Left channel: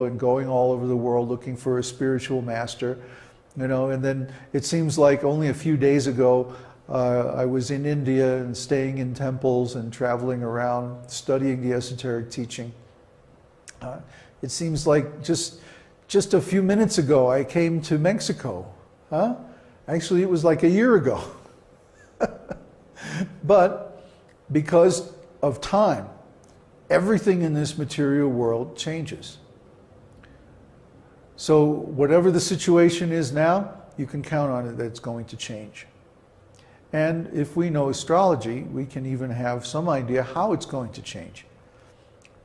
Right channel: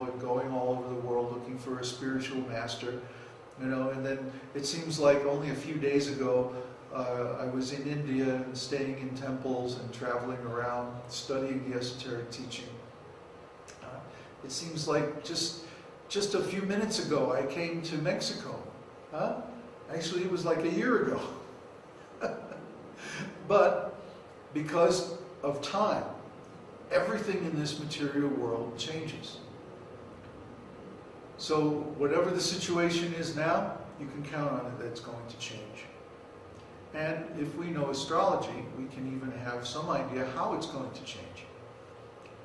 and going all over the world looking for a spiritual master, you know. And then it seems like only a few days ago I was in India and staying in temples and traveling around studying the esoteric teaching. It seems like just a few minutes ago I came to Mexico. Actually, it was like a year ago. But because of time, everything in this material world changes. So whatever the situation is now, you can count on it that it's going to change. And if we know astrology, we can even have some idea how it's going to change.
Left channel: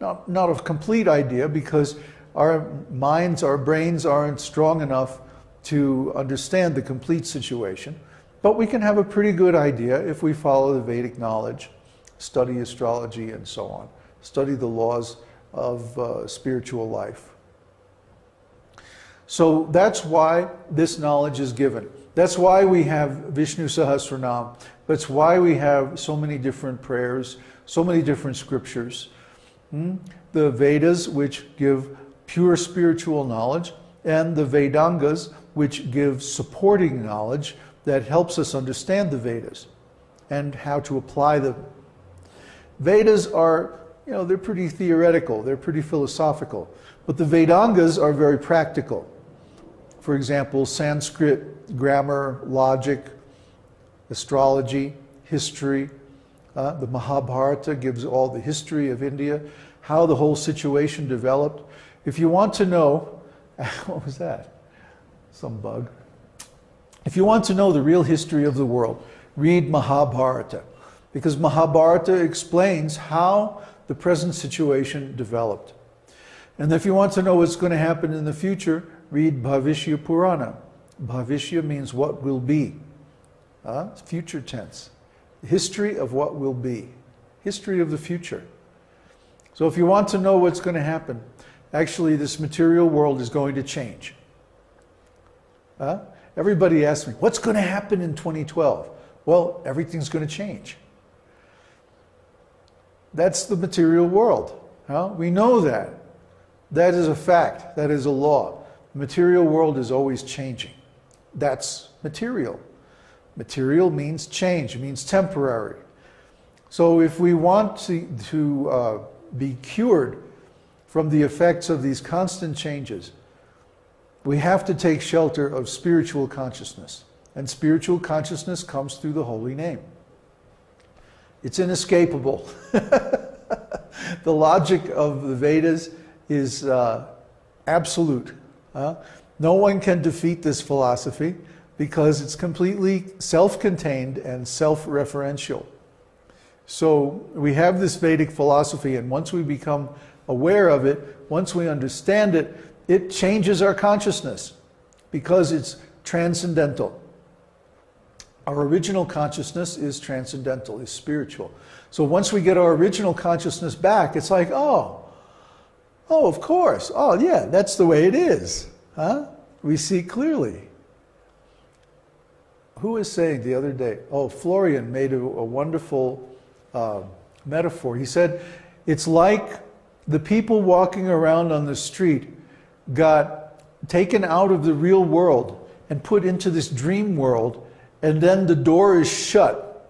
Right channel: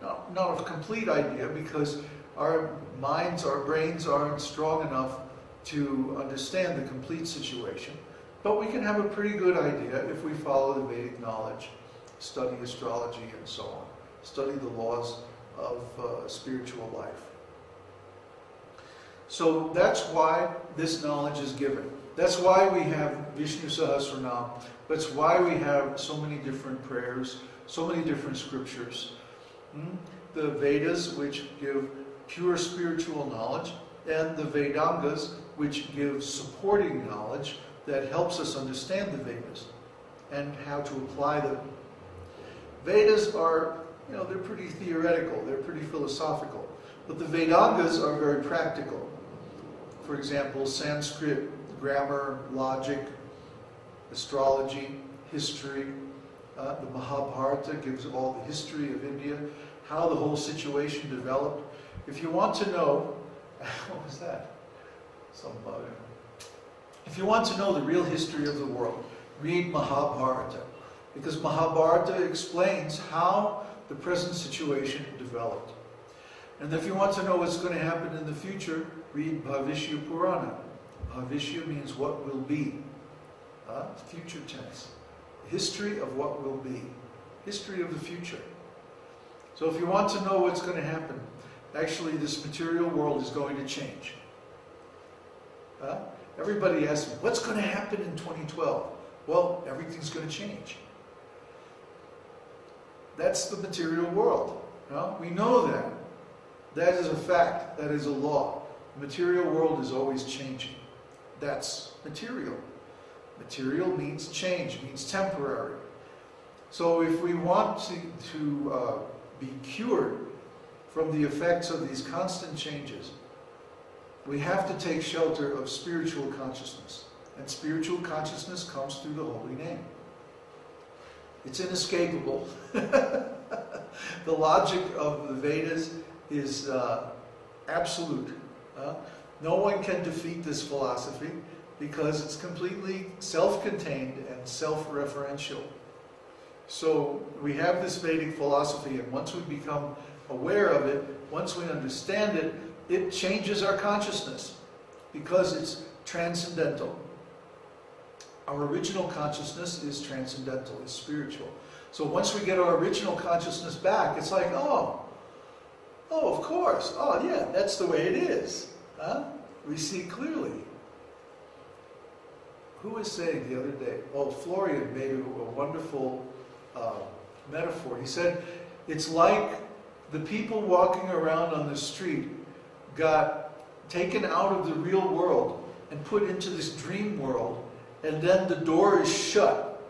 Not a complete idea, because our minds, our brains aren't strong enough to understand the complete situation. But we can have a pretty good idea if we follow the Vedic knowledge, study astrology and so on, study the laws of spiritual life. So that's why this knowledge is given. That's why we have Viṣṇusahasranāma. That's why we have so many different prayers, so many different scriptures. The Vedas, which give pure spiritual knowledge, and the Vedangas, which give supporting knowledge that helps us understand the Vedas and how to apply them. Vedas are, you know, they're pretty theoretical, they're pretty philosophical, but the Vedangas are very practical. For example, Sanskrit, grammar, logic, astrology, history. The Mahabharata gives all the history of India, how the whole situation developed. If you want to know, what was that? Some bug. If you want to know the real history of the world, read Mahabharata, because Mahabharata explains how the present situation developed. And if you want to know what's going to happen in the future, read Bhavishya Purana. Bhavishya means what will be. Future tense. History of what will be. History of the future. So if you want to know what's going to happen, actually this material world is going to change. Everybody asks me, what's going to happen in 2012? Well, everything's going to change. That's the material world. We know that. That is a fact. That is a law. The material world is always changing. That's material. Material means change, means temporary. So if we want to be cured from the effects of these constant changes, we have to take shelter of spiritual consciousness. And spiritual consciousness comes through the holy name. It's inescapable. The logic of the Vedas is absolute. No one can defeat this philosophy because it's completely self-contained and self-referential. So we have this Vedic philosophy, and once we become aware of it, once we understand it, it changes our consciousness because it's transcendental. Our original consciousness is transcendental, is spiritual. So once we get our original consciousness back, it's like, oh, of course. Oh, yeah, that's the way it is. We see clearly. Who was saying the other day? Oh, Florian made a wonderful metaphor. He said, it's like the people walking around on the street got taken out of the real world and put into this dream world, and then the door is shut,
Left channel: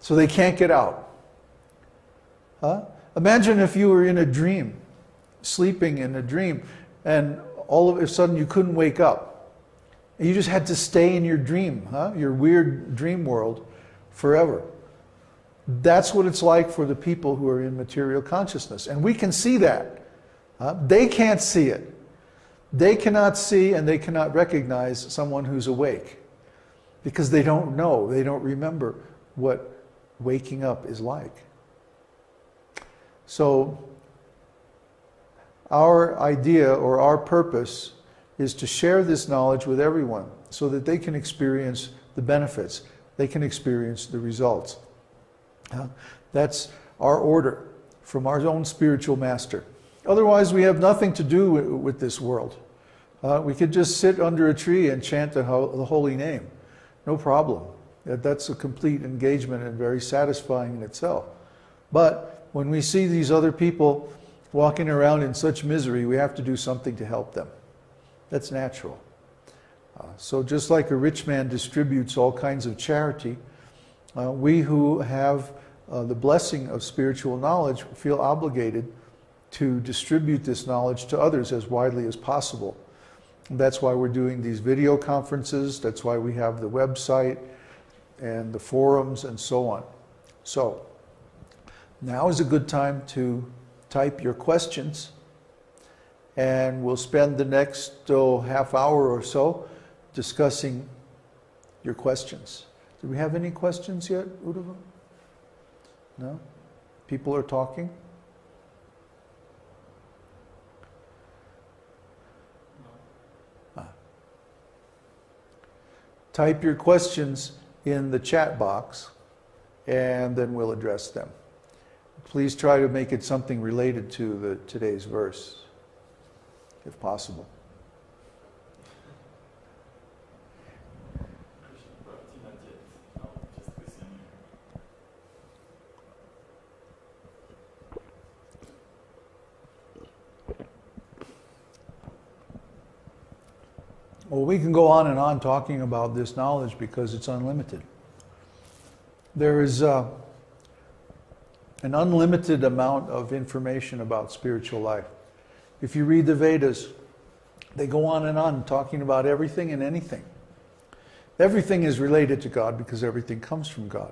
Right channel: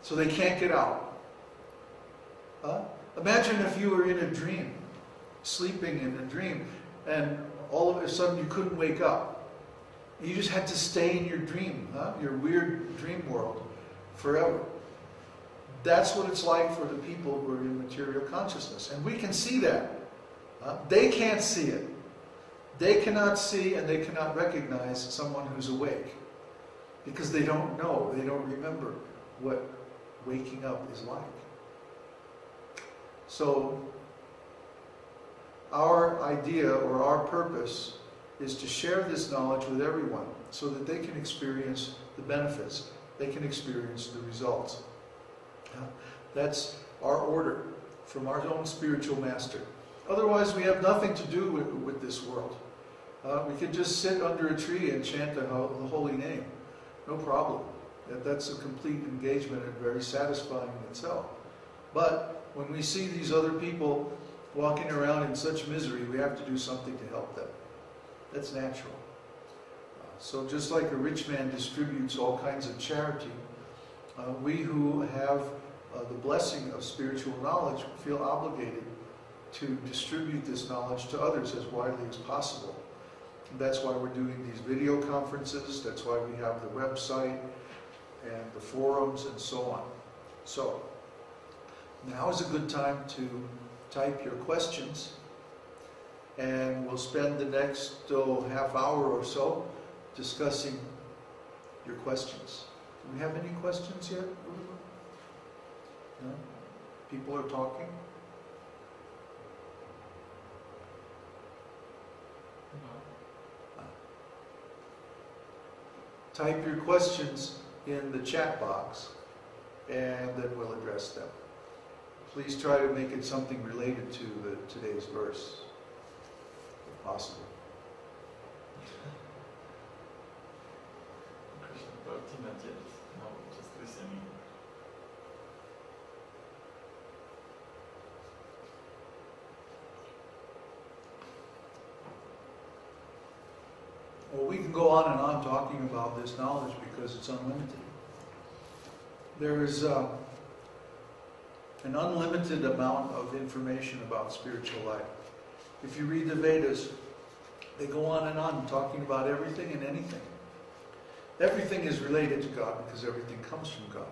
so they can't get out. Imagine if you were in a dream, sleeping in a dream, and all of a sudden you couldn't wake up. And you just had to stay in your dream, your weird dream world, forever. That's what it's like for the people who are in material consciousness. And we can see that. They can't see it. They cannot see and they cannot recognize someone who's awake because they don't know, they don't remember what waking up is like. So our idea or our purpose is to share this knowledge with everyone so that they can experience the benefits, they can experience the results. That's our order from our own spiritual master. Otherwise, we have nothing to do with this world. We could just sit under a tree and chant the holy name. No problem. That's a complete engagement and very satisfying in itself. But when we see these other people walking around in such misery, we have to do something to help them. That's natural. So just like a rich man distributes all kinds of charity, we who have the blessing of spiritual knowledge feel obligated to distribute this knowledge to others as widely as possible. And that's why we're doing these video conferences, that's why we have the website and the forums and so on. So, now is a good time to type your questions, and we'll spend the next half hour or so discussing your questions. Do we have any questions yet, Uddhava? No? People are talking? No. Type your questions in the chat box, and then we'll address them. Please try to make it something related to today's verse, if possible. Well, we can go on and on talking about this knowledge because it's unlimited. There is an unlimited amount of information about spiritual life. If you read the Vedas, they go on and on talking about everything and anything. Everything is related to God because everything comes from God.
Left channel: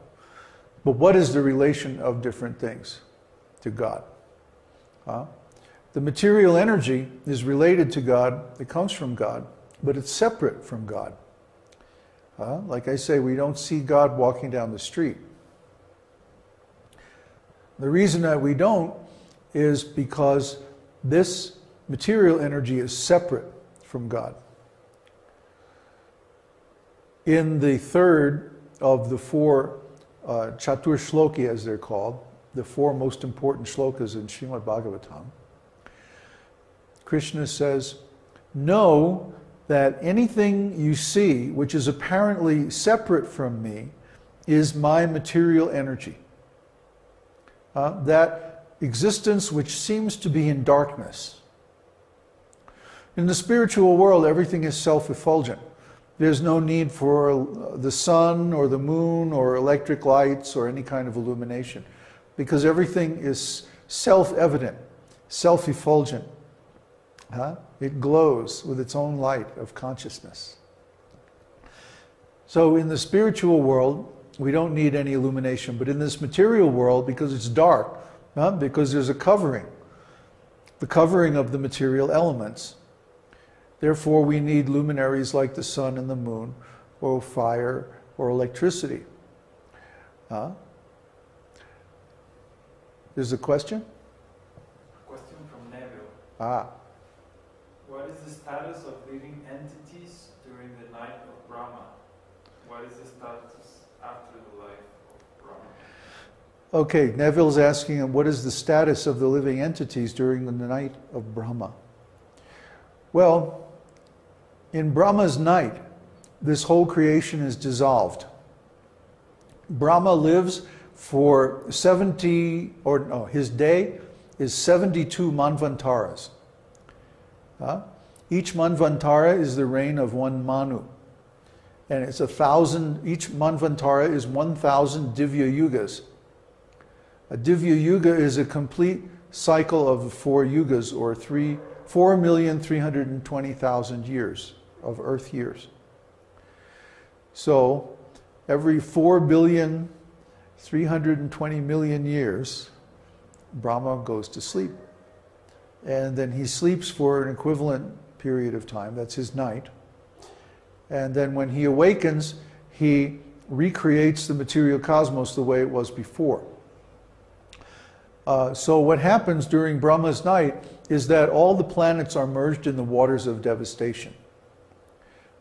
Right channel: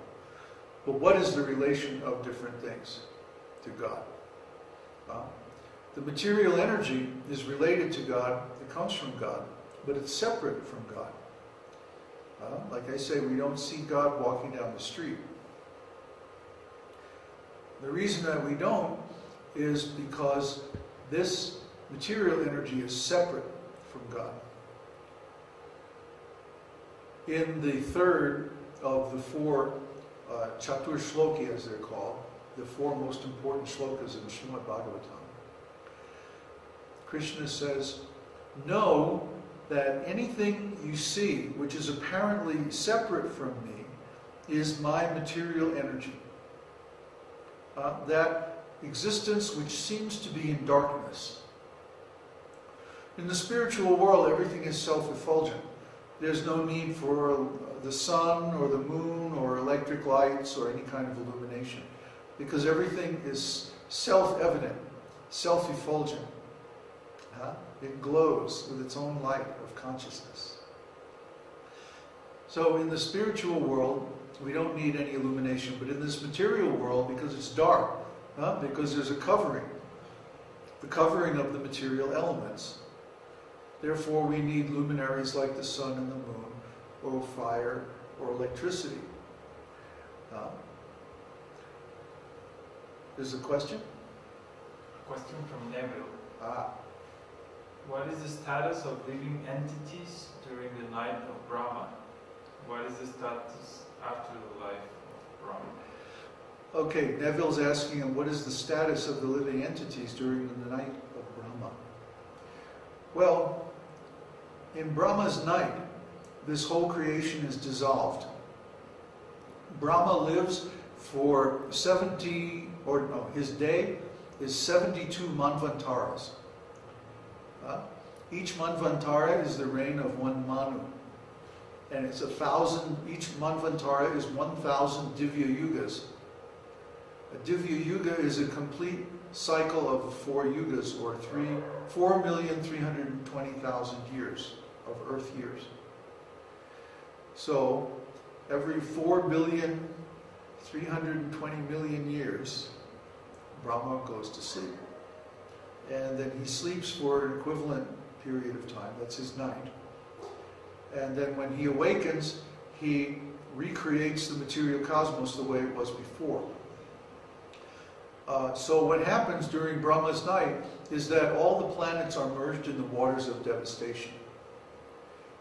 But what is the relation of different things to God? The material energy is related to God, it comes from God, but it's separate from God. Like I say, we don't see God walking down the street. The reason that we don't is because this material energy is separate from God. In the third of the four Chatur Shloki, as they're called, the four most important shlokas in Srimad Bhagavatam, Krishna says, know that anything you see which is apparently separate from me is my material energy. That existence which seems to be in darkness. In the spiritual world, everything is self-effulgent. There's no need for the sun or the moon or electric lights or any kind of illumination, because everything is self-evident, self-effulgent. It glows with its own light of consciousness. So in the spiritual world, we don't need any illumination, but in this material world, because it's dark, because there's a covering, the covering of the material elements. Therefore, we need luminaries like the sun and the moon, or fire, or electricity. There's a question? Question from Neville. What is the status of living entities during the night of Brahma? What is the status after the life of Brahma? Okay, Neville's asking him, what is the status of the living entities during the night of Brahma? Well, in Brahma's night, this whole creation is dissolved. Brahma lives for his day is 72 manvantaras. Each manvantara is the reign of one Manu. And it's 1,000, each manvantara is 1,000 divya yugas. A divya yuga is a complete cycle of 4 yugas, or 4,320,000 years of Earth years. So every 4,320,000,000 years, Brahma goes to sleep. And then he sleeps for an equivalent period of time, that's his night. And then when he awakens, he recreates the material cosmos the way it was before. So what happens during Brahma's night is that all the planets are merged in the waters of devastation.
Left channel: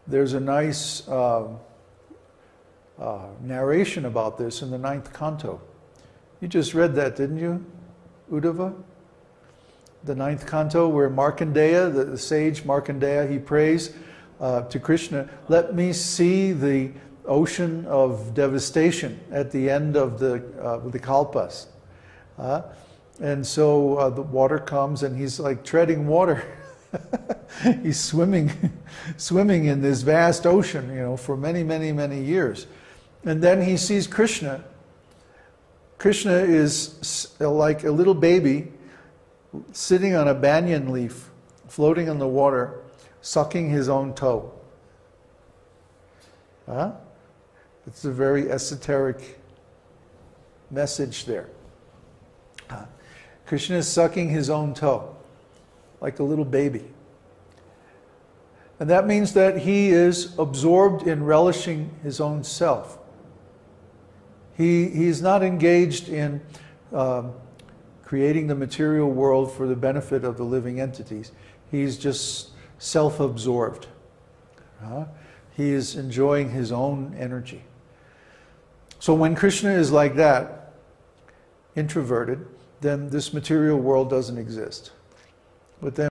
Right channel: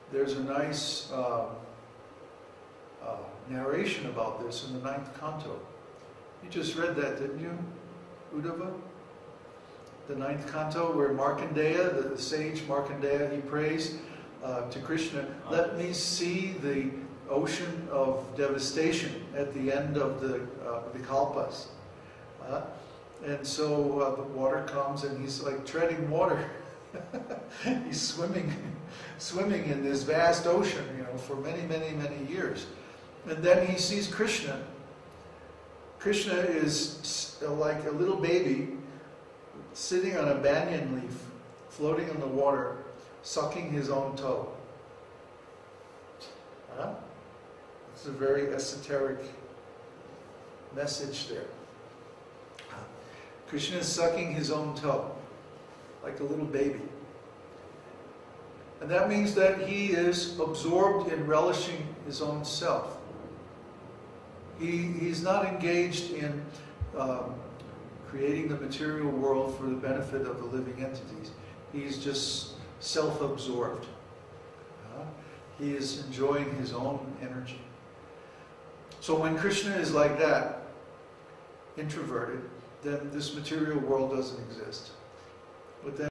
There's a nice narration about this in the 9th canto. You just read that, didn't you, Uddhava? The 9th canto, where Markandeya, the sage Markandeya, he prays to Krishna, let me see the ocean of devastation at the end of the kalpas. And so the water comes and he's like treading water. He's swimming in this vast ocean, for many, many, many years. And then he sees Krishna. Krishna is like a little baby sitting on a banyan leaf, floating on the water, sucking his own toe. Huh? It's a very esoteric message there. Krishna is sucking his own toe, like a little baby. And that means that he is absorbed in relishing his own self. He's not engaged in creating the material world for the benefit of the living entities. He's just self-absorbed. He is enjoying his own energy. So when Krishna is like that, introverted, then this material world doesn't exist. But then